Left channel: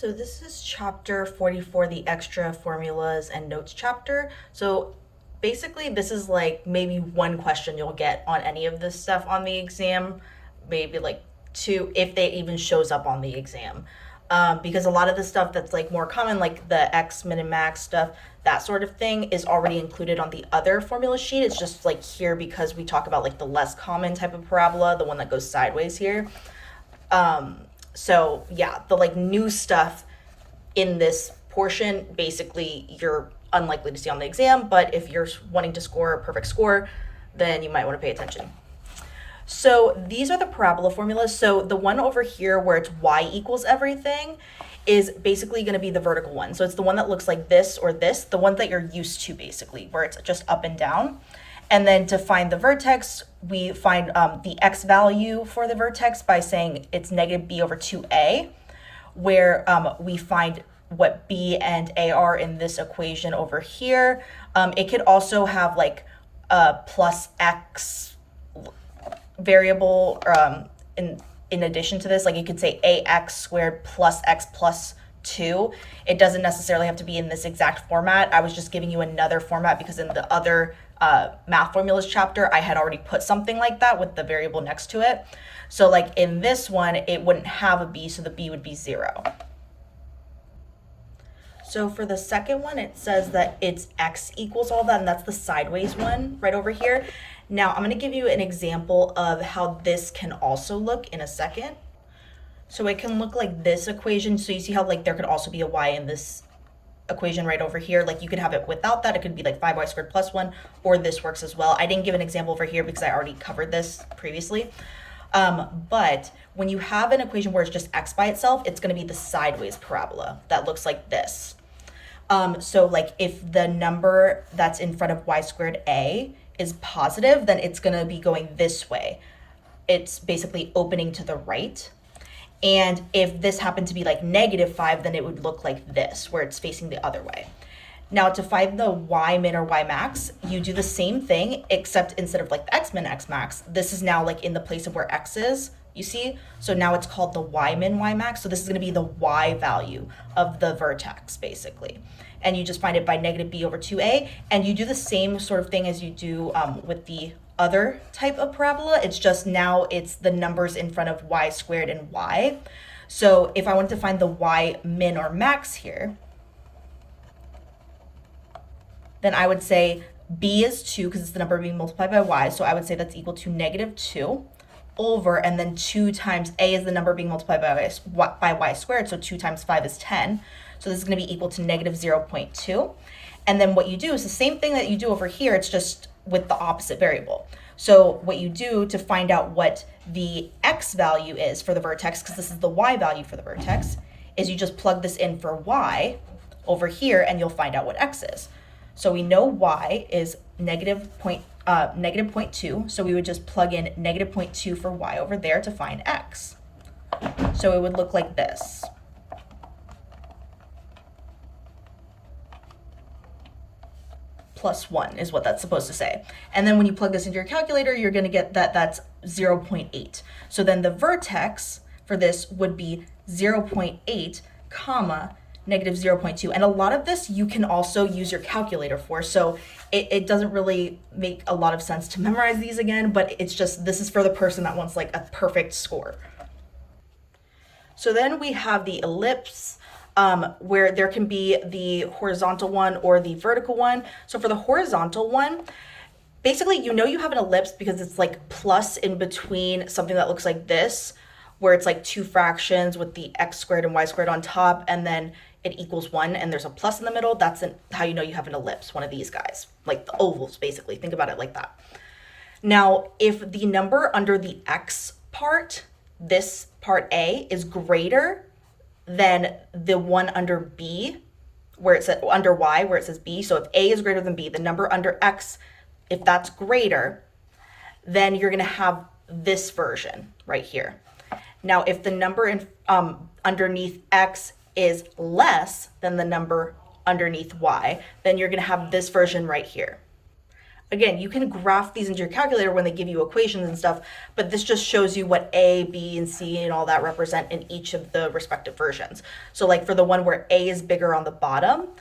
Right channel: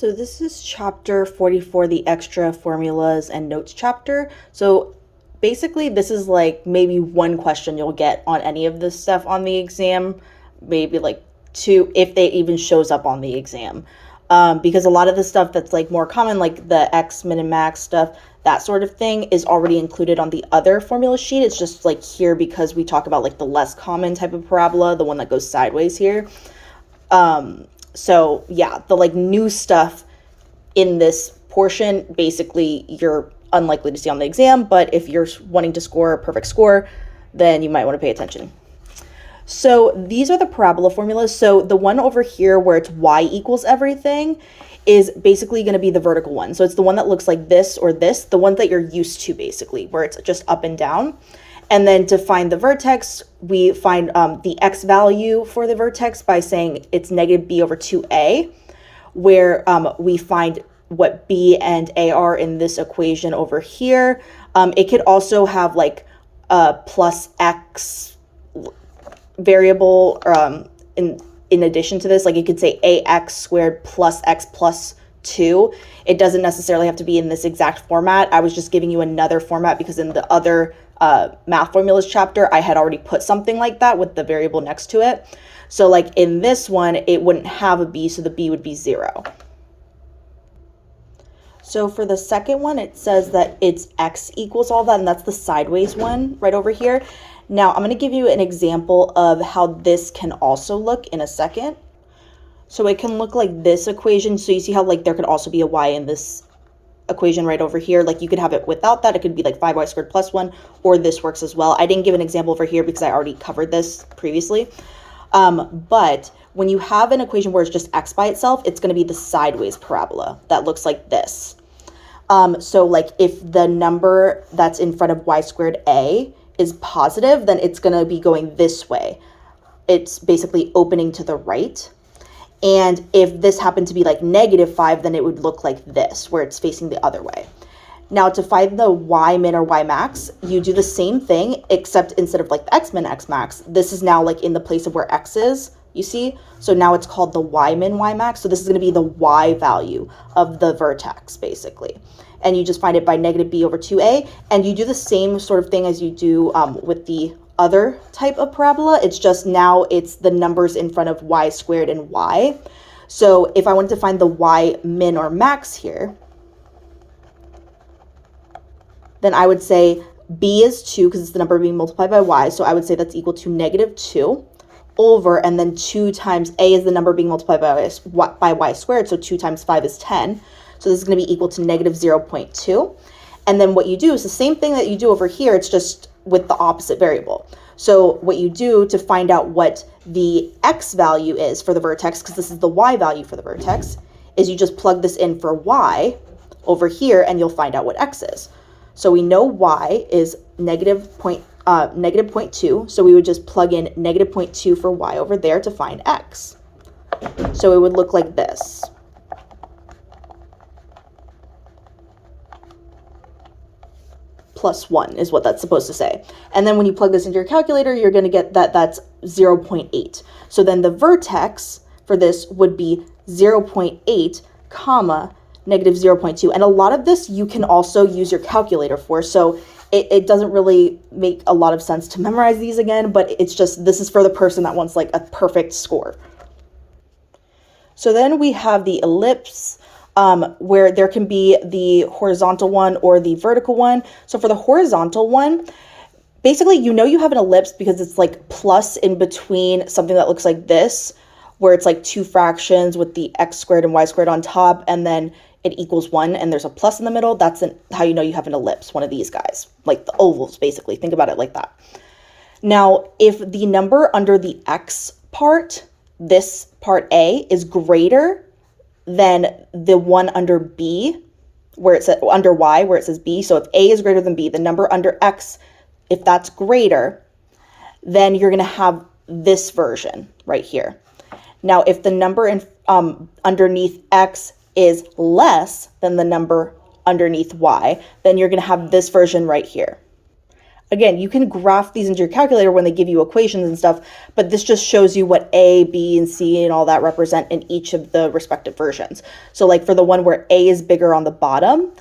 So this is chapter 44, the extra formulas and notes chapter. So basically this is like maybe one question you'll get on any of this stuff on the exam, maybe like two if they even shows up on the exam. Because a lot of the stuff that's like more common, like the x, min, and max stuff, that sort of thing is already included on the other formula sheet. It's just like here because we talk about like the less common type of parabola, the one that goes sideways here. So yeah, the like new stuff in this portion, basically you're unlikely to see on the exam, but if you're wanting to score a perfect score, then you might want to pay attention. So these are the parabola formulas. So the one over here where it's y equals everything is basically going to be the vertical one. So it's the one that looks like this or this, the one that you're used to basically, where it's just up and down. And then to find the vertex, we find the x value for the vertex by saying it's negative b over 2a, where we find what b and a are in this equation over here. It could also have like a plus x variable in addition to this. Like you could say ax squared plus x plus 2. It doesn't necessarily have to be in this exact format. I was just giving you another format because in the other math formulas chapter, I had already put something like that with the variable next to it. So like in this one, it wouldn't have a b, so the b would be 0. So for the second one, it says that it's x equals all that, and that's the sideways one right over here. Now I'm going to give you an example of how this can also look in a second. So it can look like this equation. So you see how like there could also be a y in this equation right over here. Like you could have it without that. It could be like 5y squared plus 1, or this works as well. I didn't give an example over here because I already covered this previously. But when you have an equation where it's just x by itself, it's going to be the sideways parabola that looks like this. So like if the number that's in front of y squared a is positive, then it's going to be going this way. It's basically opening to the right. And if this happened to be like -5, then it would look like this, where it's facing the other way. Now to find the y min or y max, you do the same thing, except instead of like the x min, x max, this is now like in the place of where x is, you see? So now it's called the y min, y max. So this is going to be the y value of the vertex, basically. And you just find it by negative b over 2a. And you do the same sort of thing as you do with the other type of parabola. It's just now it's the numbers in front of y squared and y. So if I wanted to find the y min or max here, then I would say b is 2 because it's the number being multiplied by y. So I would say that's equal to -2 over, and then 2 times a is the number being multiplied by y squared. So 2 times 5 is 10. So this is going to be equal to -0.2. And then what you do is the same thing that you do over here. It's just with the opposite variable. So what you do to find out what the x value is for the vertex, because this is the y value for the vertex, is you just plug this in for y over here and you'll find out what x is. So we know y is -0.2, so we would just plug in -0.2 for y over there to find x. So it would look like this. Plus 1 is what that's supposed to say. And then when you plug this into your calculator, you're going to get that that's 0.8. So then the vertex for this would be 0.8 comma -0.2. And a lot of this you can also use your calculator for. So it doesn't really make a lot of sense to memorize these again, but it's just, this is for the person that wants like a perfect score. So then we have the ellipse, where there can be the horizontal one or the vertical one. So for the horizontal one, basically, you know you have an ellipse because it's like plus in between something that looks like this, where it's like 2 fractions with the x squared and y squared on top, and then it equals 1, and there's a plus in the middle. That's how you know you have an ellipse, one of these guys, like the ovals, basically. Think about it like that. Now, if the number under the x part, this part A, is greater than the one under B, where it says under Y, where it says B. So if A is greater than B, the number under X, if that's greater, then you're going to have this version right here. Now, if the number in underneath X is less than the number underneath Y, then you're going to have this version right here. again, you can graph these into your calculator when they give you equations and stuff, but this just shows you what A, B, and C and all that represent in each of the respective versions. So like for the one where A is bigger on the bottom,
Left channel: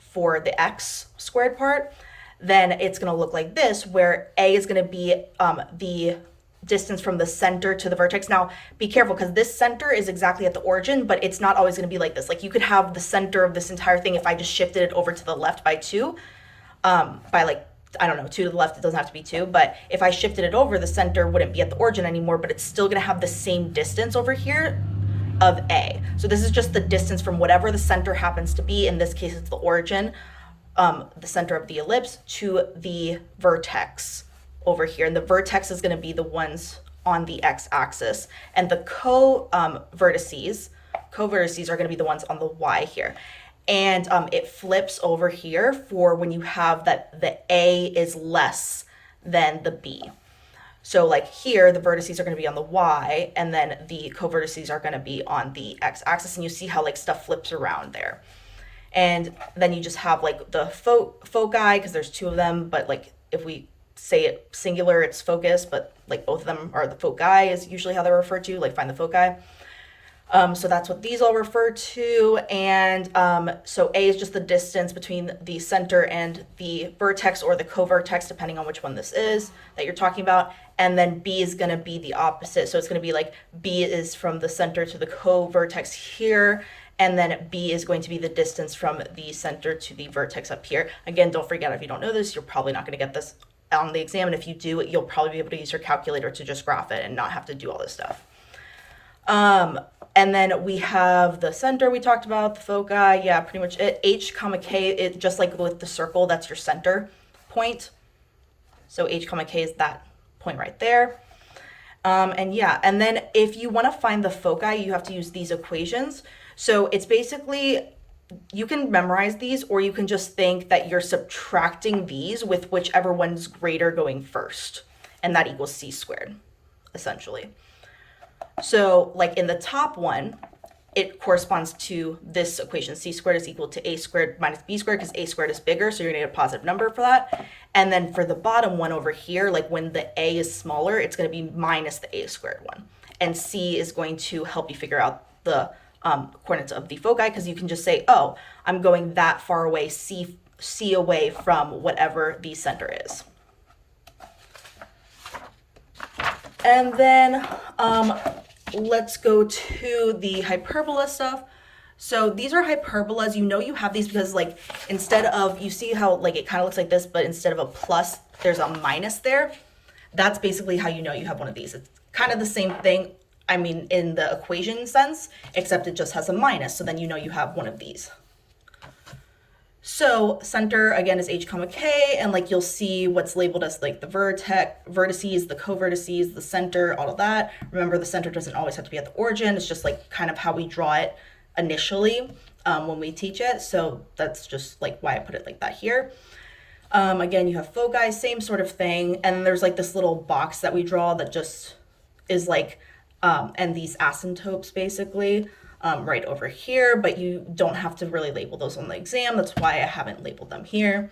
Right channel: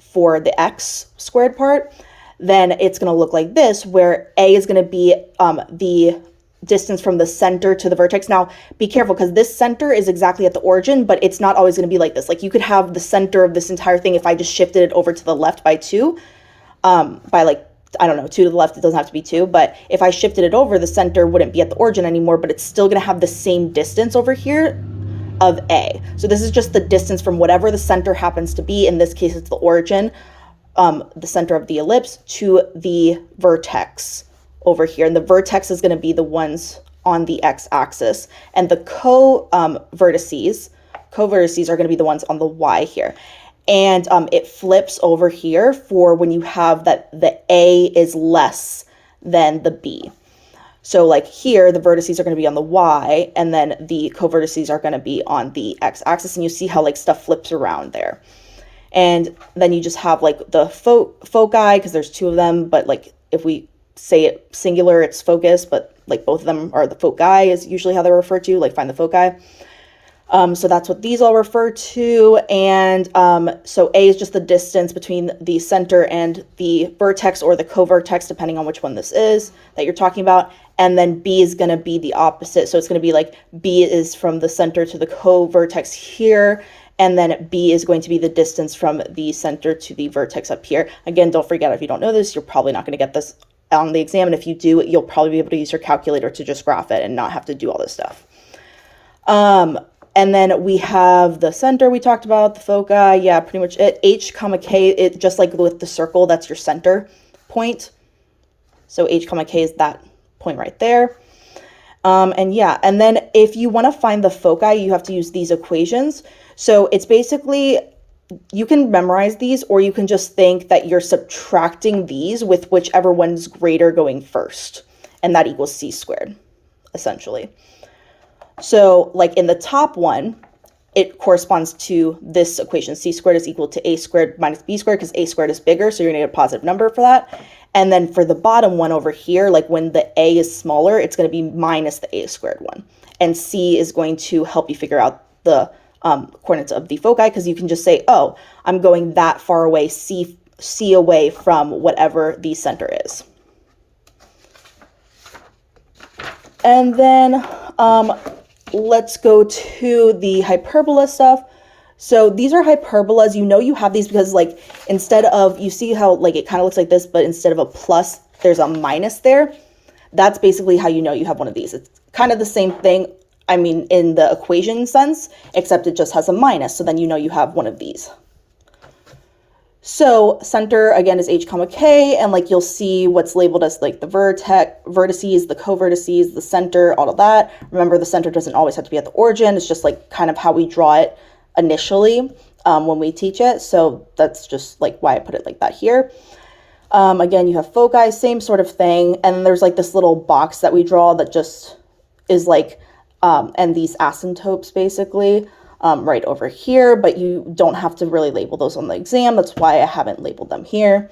for the x squared part, then it's going to look like this, where A is going to be the distance from the center to the vertex. Now, be careful, because this center is exactly at the origin, but it's not always going to be like this. Like you could have the center of this entire thing, if I just shifted it over to the left by 2, by like, I don't know, 2 to the left, it doesn't have to be 2, but if I shifted it over, the center wouldn't be at the origin anymore, but it's still going to have the same distance over here of A. So this is just the distance from whatever the center happens to be. In this case, it's the origin, the center of the ellipse, to the vertex over here. And the vertex is going to be the ones on the x-axis. And the co-vertices are going to be the ones on the y here. And it flips over here for when you have that the A is less than the B. So like here, the vertices are going to be on the y, and then the co-vertices are going to be on the x-axis, and you see how like stuff flips around there. And then you just have like the foci, because there's 2 of them, but like if we say it singular, it's focus, but like both of them are the foci is usually how they're referred to, like find the foci. So that's what these all refer to. And so A is just the distance between the center and the vertex or the co-vertex, depending on which one this is that you're talking about. And then B is going to be the opposite. So it's going to be like B is from the center to the co-vertex here. And then B is going to be the distance from the center to the vertex up here. Again, don't forget, if you don't know this, you're probably not going to get this on the exam. And if you do, you'll probably be able to use your calculator to just graph it and not have to do all this stuff. And then we have the center we talked about, the foci, yeah, pretty much it. H, K, it just like with the circle, that's your center point. So H, K is that point right there. And yeah, and then if you want to find the foci, you have to use these equations. So it's basically, you can memorize these, or you can just think that you're subtracting these with whichever one's greater going first, and that equals c squared, essentially. So like in the top one, it corresponds to this equation. C squared is equal to a squared minus b squared, because a squared is bigger, so you're gonna get a positive number for that. And then for the bottom one over here, like when the a is smaller, it's gonna be minus the a squared one. And c is going to help you figure out the coordinates of the foci, because you can just say, oh, I'm going that far away, c away from whatever the center is. And then let's go to the hyperbola stuff. So these are hyperbolas. You know you have these because like instead of, you see how like it kind of looks like this, but instead of a plus, there's a minus there. That's basically how you know you have one of these. It's kind of the same thing, I mean, in the equation sense, except it just has a minus. So then you know you have one of these. So center, again, is H, K, and like you'll see what's labeled as like the vertices, the co-vertices, the center, all of that. Remember, the center doesn't always have to be at the origin. It's just like kind of how we draw it initially when we teach it. So that's just like why I put it like that here. Again, you have foci, same sort of thing. And then there's like this little box that we draw that just is like, and these asymptotes basically. Right over here, but you don't have to really label those on the exam. That's why I haven't labeled them here.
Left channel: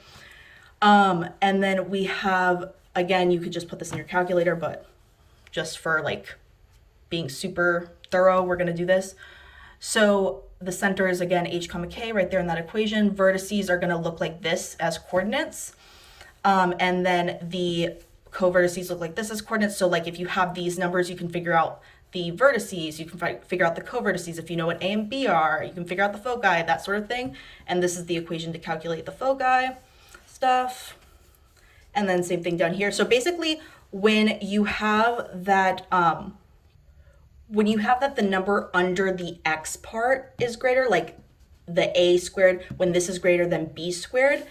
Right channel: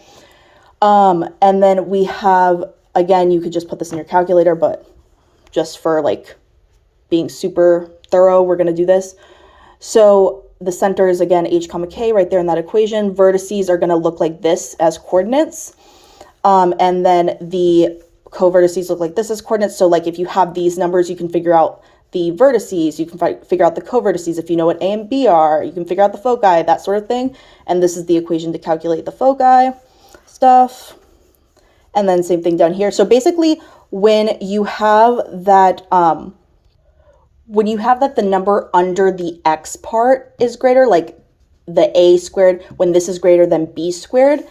And then we have, again, you could just put this in your calculator, but just for like being super thorough, we're going to do this. So the center is, again, H, K right there in that equation. Vertices are going to look like this as coordinates. And then the co-vertices look like this as coordinates. So like if you have these numbers, you can figure out the vertices, you can figure out the co-vertices. If you know what A and B are, you can figure out the foci, that sort of thing. And this is the equation to calculate the foci stuff. And then same thing down here. So basically, when you have that, the number under the x part is greater, like the a squared, when this is greater than b squared,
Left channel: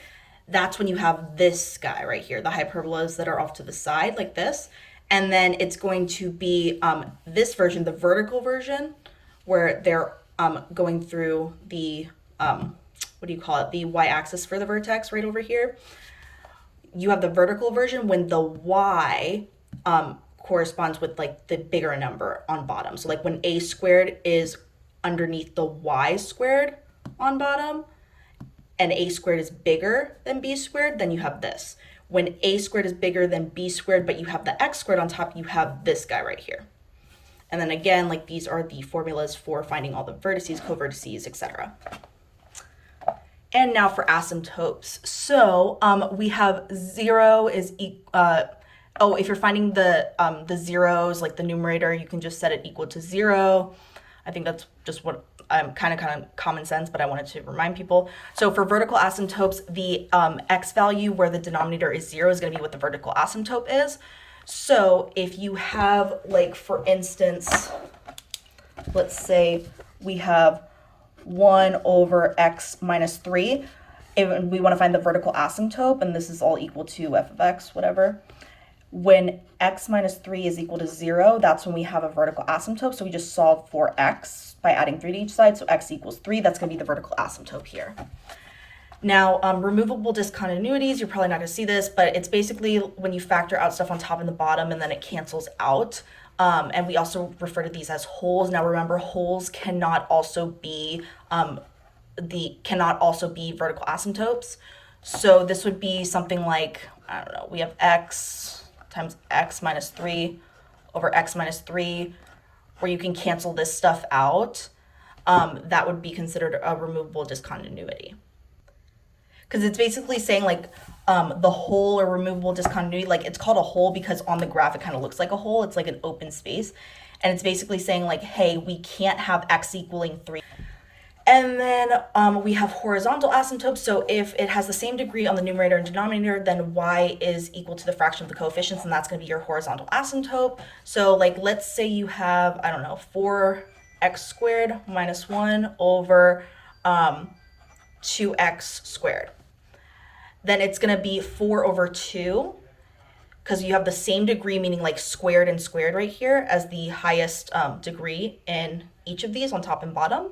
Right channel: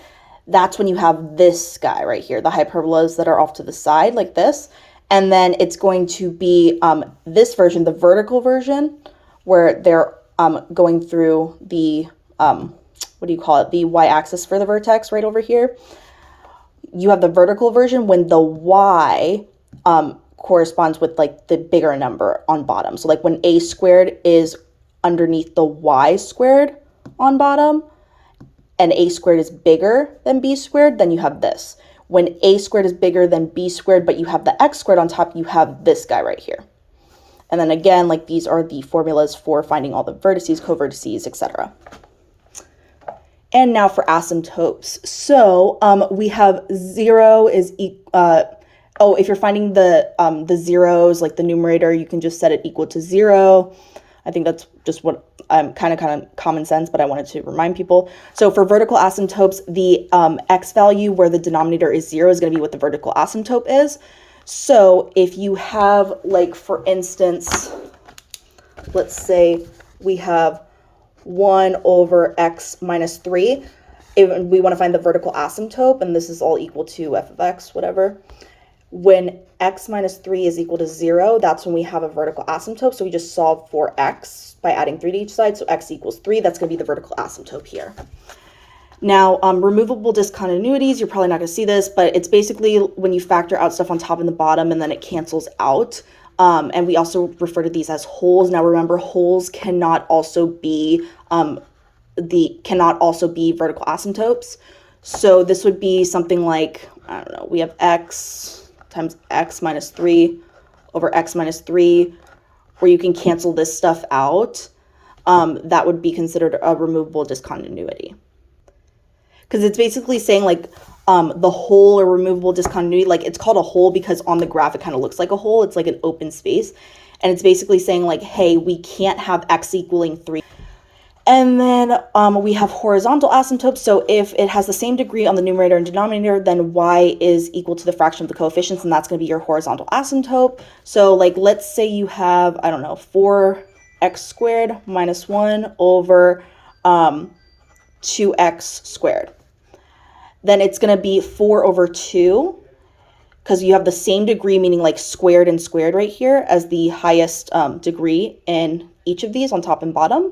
that's when you have this guy right here, the hyperbolas that are off to the side like this. And then it's going to be this version, the vertical version, where they're going through the, the y-axis for the vertex right over here. You have the vertical version when the y corresponds with like the bigger number on bottom. So like when a squared is underneath the y squared on bottom, and a squared is bigger than b squared, then you have this. When a squared is bigger than b squared, but you have the x squared on top, you have this guy right here. And then again, like these are the formulas for finding all the vertices, covertices, etc. And now for asymptotes. So we have 0 is if you're finding the zeros, like the numerator, you can just set it equal to 0. I think that's just what kind of common sense, but I wanted to remind people. So for vertical asymptotes, the x value where the denominator is 0 is going to be what the vertical asymptote is. So if you have, like, for instance, let's say we have 1 over x minus 3. If we want to find the vertical asymptote, and this is all equal to f of x, whatever. When x minus 3 is equal to 0, that's when we have a vertical asymptote. So we just solve for x by adding 3 to each side. So x equals 3. That's going to be the vertical asymptote here. Now, removable discontinuities, you're probably not going to see this, but it's basically when you factor out stuff on top and the bottom and then it cancels out. And we also refer to these as holes. Now, remember, holes cannot also be vertical asymptotes. So this would be something like, I don't know, we have x times x minus 3 over x minus 3, where you can cancel this stuff out. That would be considered a removable discontinuity. Because it's basically saying, like, the hole or removable discontinuity, like, it's called a hole because on the graph it kind of looks like a hole. It's like an open space. And it's basically saying, like, hey, we can't have x equaling 3. And then we have horizontal asymptotes. So if it has the same degree on the numerator and denominator, then y is equal to the fraction of the coefficients, and that's going to be your horizontal asymptote. So, like, let's say you have, I don't know, 4x squared minus 1 over 2x squared. Then it's going to be 4 over 2, because you have the same degree, meaning like squared and squared right here as the highest degree in each of these on top and bottom.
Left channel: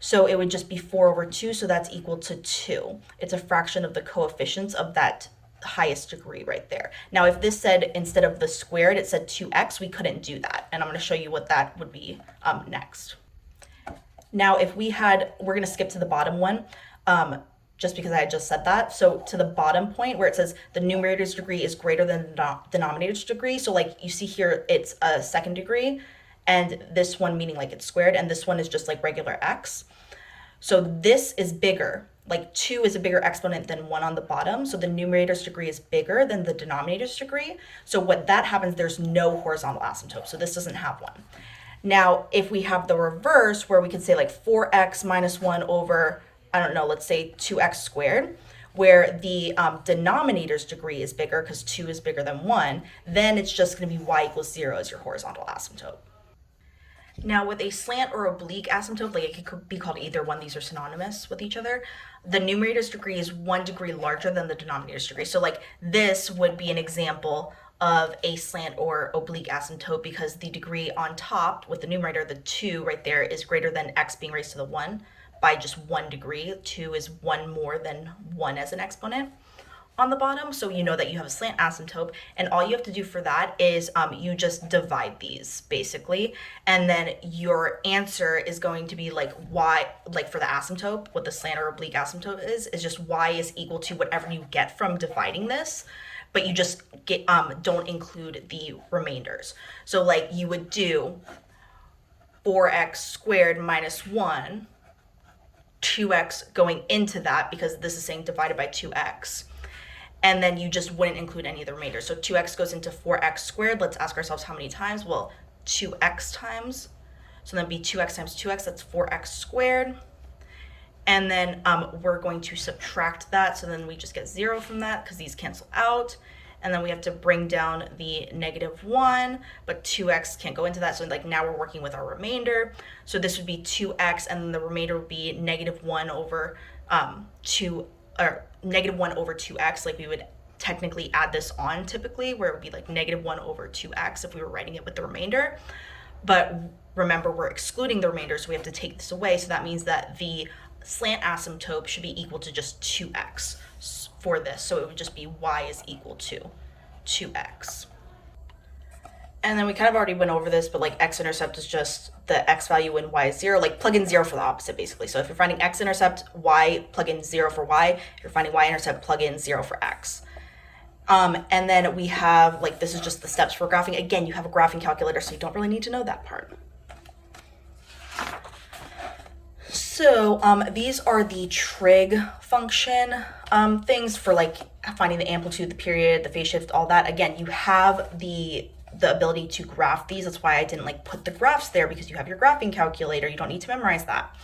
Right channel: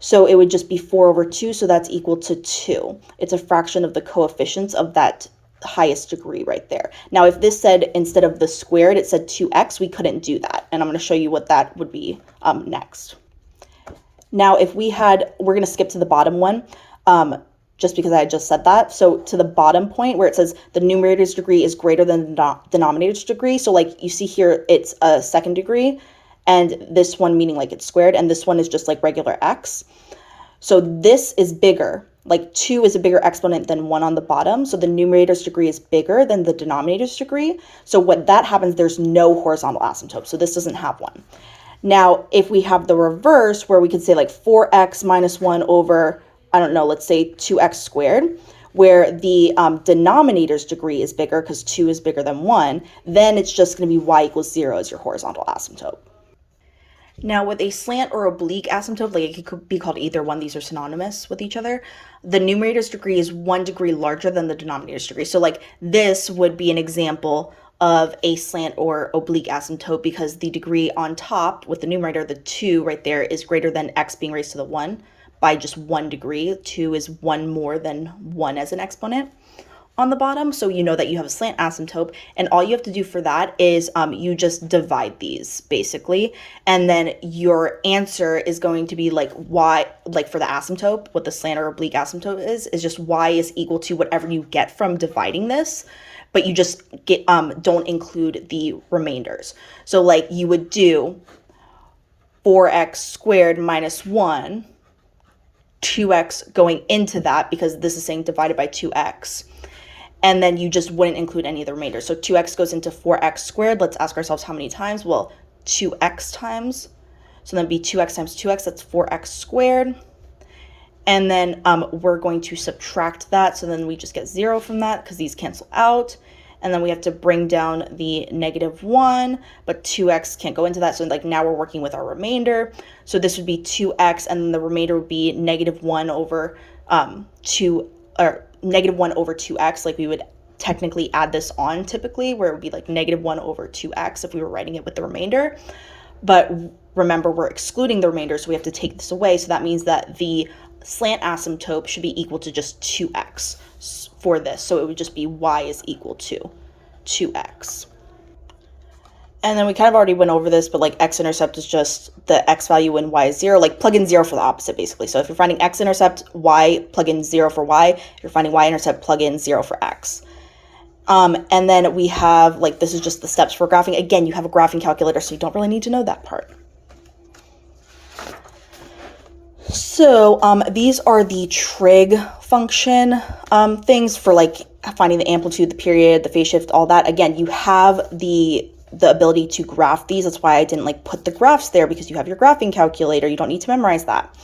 So it would just be 4 over 2, so that's equal to 2. It's a fraction of the coefficients of that highest degree right there. Now, if this said, instead of the squared, it said 2x, we couldn't do that. And I'm going to show you what that would be next. Now, if we had, we're going to skip to the bottom one, just because I just said that. So to the bottom point where it says the numerator's degree is greater than the denominator's degree. So like you see here, it's a second degree, and this one meaning like it's squared, and this one is just like regular x. So this is bigger, like 2 is a bigger exponent than 1 on the bottom. So the numerator's degree is bigger than the denominator's degree. So when that happens, there's no horizontal asymptote. So this doesn't have one. Now, if we have the reverse, where we could say like 4x minus 1 over, I don't know, let's say 2x squared, where the denominator's degree is bigger because 2 is bigger than 1, then it's just going to be y equals 0 as your horizontal asymptote. Now, with a slant or oblique asymptote, like it could be called either one, these are synonymous with each other, the numerator's degree is 1 degree larger than the denominator's degree. So like this would be an example of a slant or oblique asymptote because the degree on top with the numerator, the 2 right there, is greater than x being raised to the 1 by just 1 degree. 2 is 1 more than 1 as an exponent on the bottom. So you know that you have a slant asymptote, and all you have to do for that is you just divide these basically, and then your answer is going to be like y, like for the asymptote, what the slant or oblique asymptote is just y is equal to whatever you get from dividing this, but you just get don't include the remainders. So like you would do 4x squared minus 1, 2x going into that because this is saying divided by 2x. And then you just wouldn't include any of the remainders. So 2x goes into 4x squared. Let's ask ourselves how many times? Well, 2x times. So then be 2x times 2x, that's 4x squared. And then we're going to subtract that. So then we just get 0 from that because these cancel out. And then we have to bring down the -1, but 2x can't go into that. So like now we're working with our remainder. So this would be 2x, and then the remainder would be -1 over 1 over 2x. Like we would technically add this on typically, where it would be like -1 over 2x if we were writing it with the remainder. But remember, we're excluding the remainder, so we have to take this away. So that means that the slant asymptote should be equal to just 2x for this. So it would just be y is equal to 2x. And then we kind of already went over this, but like x-intercept is just the x value when y is 0, like plug in 0 for the opposite basically. So if you're finding x-intercept, y, plug in 0 for y. If you're finding y-intercept, plug in 0 for x. And then we have, like, this is just the steps for graphing. Again, you have a graphing calculator, so you don't really need to know that part. So these are the trig function things for like finding the amplitude, the period, the phase shift, all that. Again, you have the ability to graph these. That's why I didn't like put the graphs there, because you have your graphing calculator. You don't need to memorize that.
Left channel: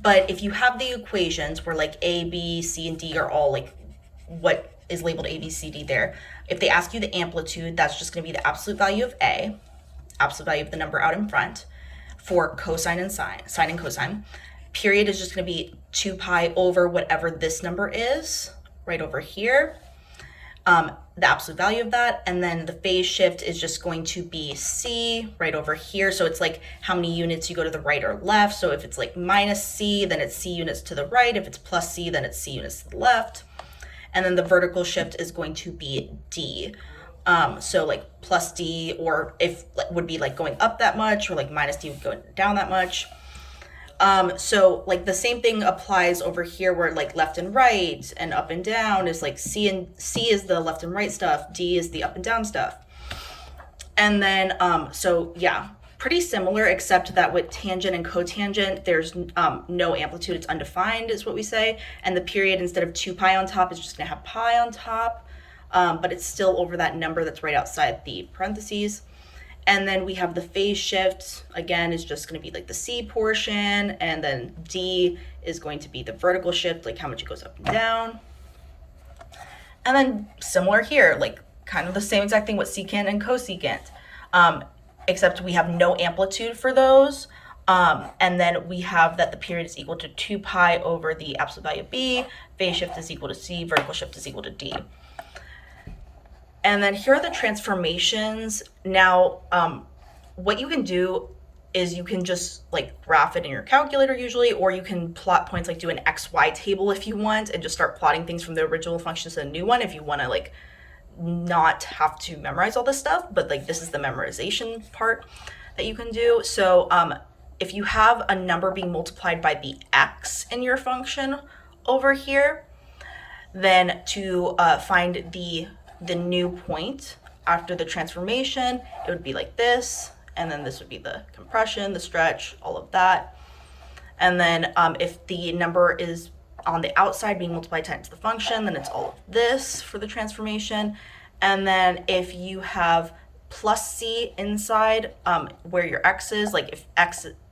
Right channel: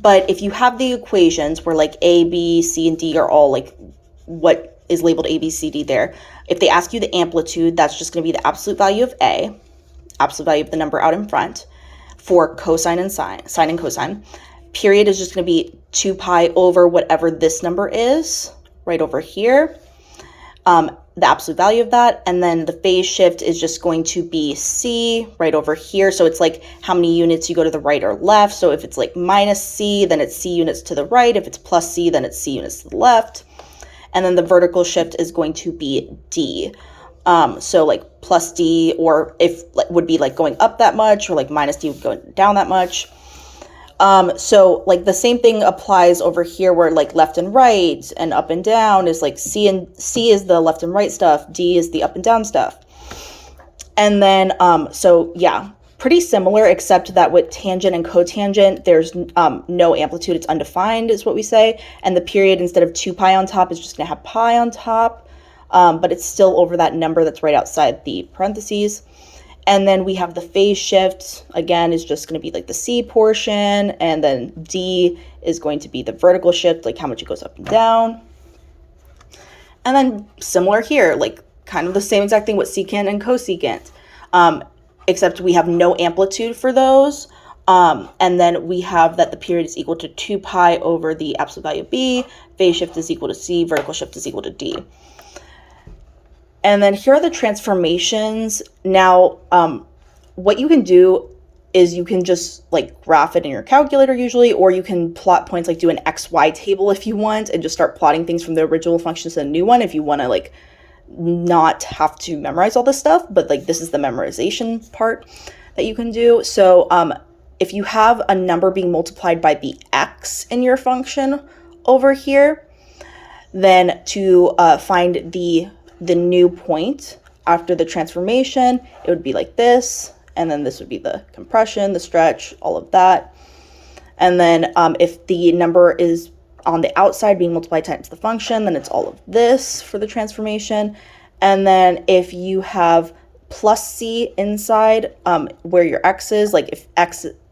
But if you have the equations where like A, B, C, and D are all like what is labeled A, B, C, D there, if they ask you the amplitude, that's just going to be the absolute value of A, absolute value of the number out in front, for cosine and sine and cosine. Period is just going to be 2 pi over whatever this number is right over here, the absolute value of that. And then the phase shift is just going to be C right over here. So it's like how many units you go to the right or left. So if it's like minus C, then it's C units to the right. If it's plus C, then it's C units to the left. And then the vertical shift is going to be D. So like plus D, or if would be like going up that much, or like minus D going down that much. So like the same thing applies over here, where like left and right and up and down is like C is the left and right stuff, D is the up and down stuff. And then so yeah, pretty similar, except that with tangent and cotangent, there's no amplitude, it's undefined is what we say. And the period, instead of 2 pi on top, is just gonna have pi on top, but it's still over that number that's right outside the parentheses. And then we have the phase shift, again, is just going to be like the C portion, and then D is going to be the vertical shift, like how much it goes up and down. And then similar here, like kind of the same exact thing with secant and cosecant, except we have no amplitude for those. And then we have that the period is equal to 2 pi over the absolute value of B, phase shift is equal to C, vertical shift is equal to D. And then here are the transformations. Now, what you can do is you can just like graph it in your calculator usually, or you can plot points, like do an XY table if you want, and just start plotting things from the original function to the new one if you want to like not have to memorize all this stuff. But like this is the memorization part that you can do. So if you have a number being multiplied by the X in your function over here, then to find the new point after the transformation, it would be like this, and then this would be the compression, the stretch, all of that. And then if the number is on the outside being multiplied times the function, then it's all of this for the transformation. And then if you have plus C inside where your X is, like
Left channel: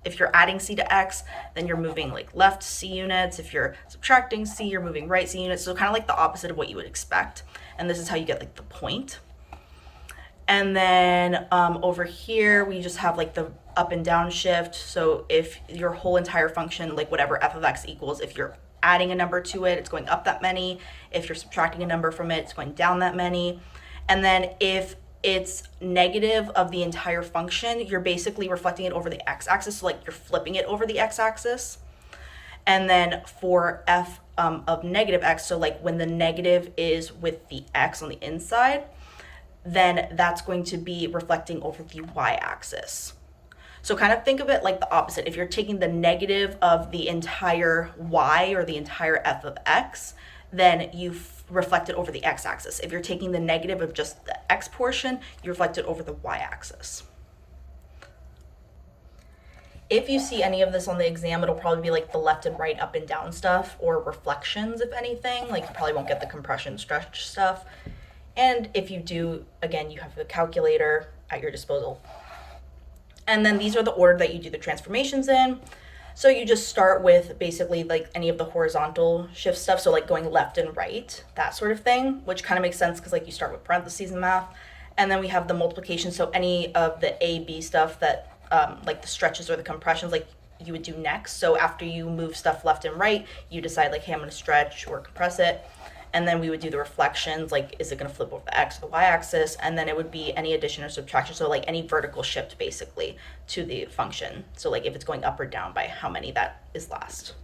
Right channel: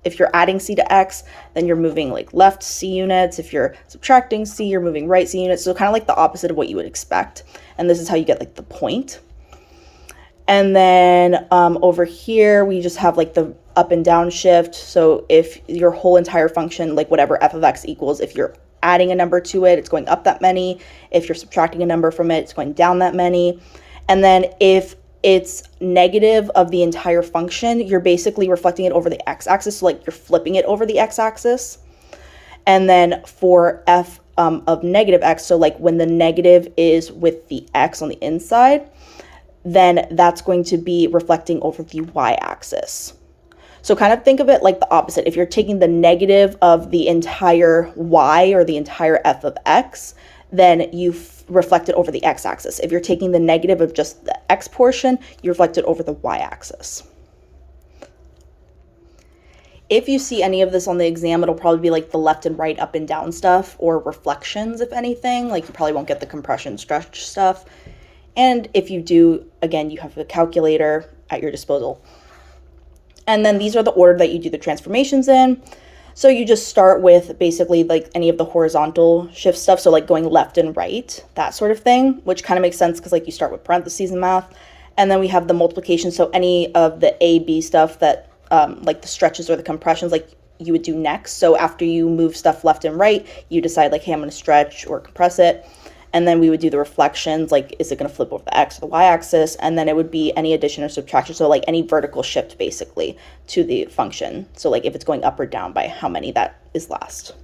if you're adding C to X, then you're moving like left C units. If you're subtracting C, you're moving right C units. So kind of like the opposite of what you would expect. And this is how you get like the point. And then over here, we just have like the up and down shift. So if your whole entire function, like whatever f of x equals, if you're adding a number to it, it's going up that many. If you're subtracting a number from it, it's going down that many. And then if it's negative of the entire function, you're basically reflecting it over the x-axis. So like you're flipping it over the x-axis. And then for f of negative x, so like when the negative is with the x on the inside, then that's going to be reflecting over the y-axis. So kind of think of it like the opposite. If you're taking the negative of the entire y or the entire f of x, then you reflect it over the x-axis. If you're taking the negative of just the x portion, you reflect it over the y-axis. If you see any of this on the exam, it'll probably be like the left and right, up and down stuff, or reflections, if anything. Like you probably won't get the compression stretch stuff. And if you do, again, you have a calculator at your disposal. And then these are the order that you do the transformations in. So you just start with basically like any of the horizontal shift stuff. So like going left and right, that sort of thing, which kind of makes sense because like you start with parentheses in math. And then we have the multiplication. So any of the A, B stuff that like the stretches or the compressions, like you would do next. So after you move stuff left and right, you decide like, hey, I'm going to stretch or compress it. And then we would do the reflections, like, is it going to flip over the x or the y-axis? And then it would be any addition or subtraction. So like any vertical shift basically to the function. So like if it's going up or down by how many, that is last.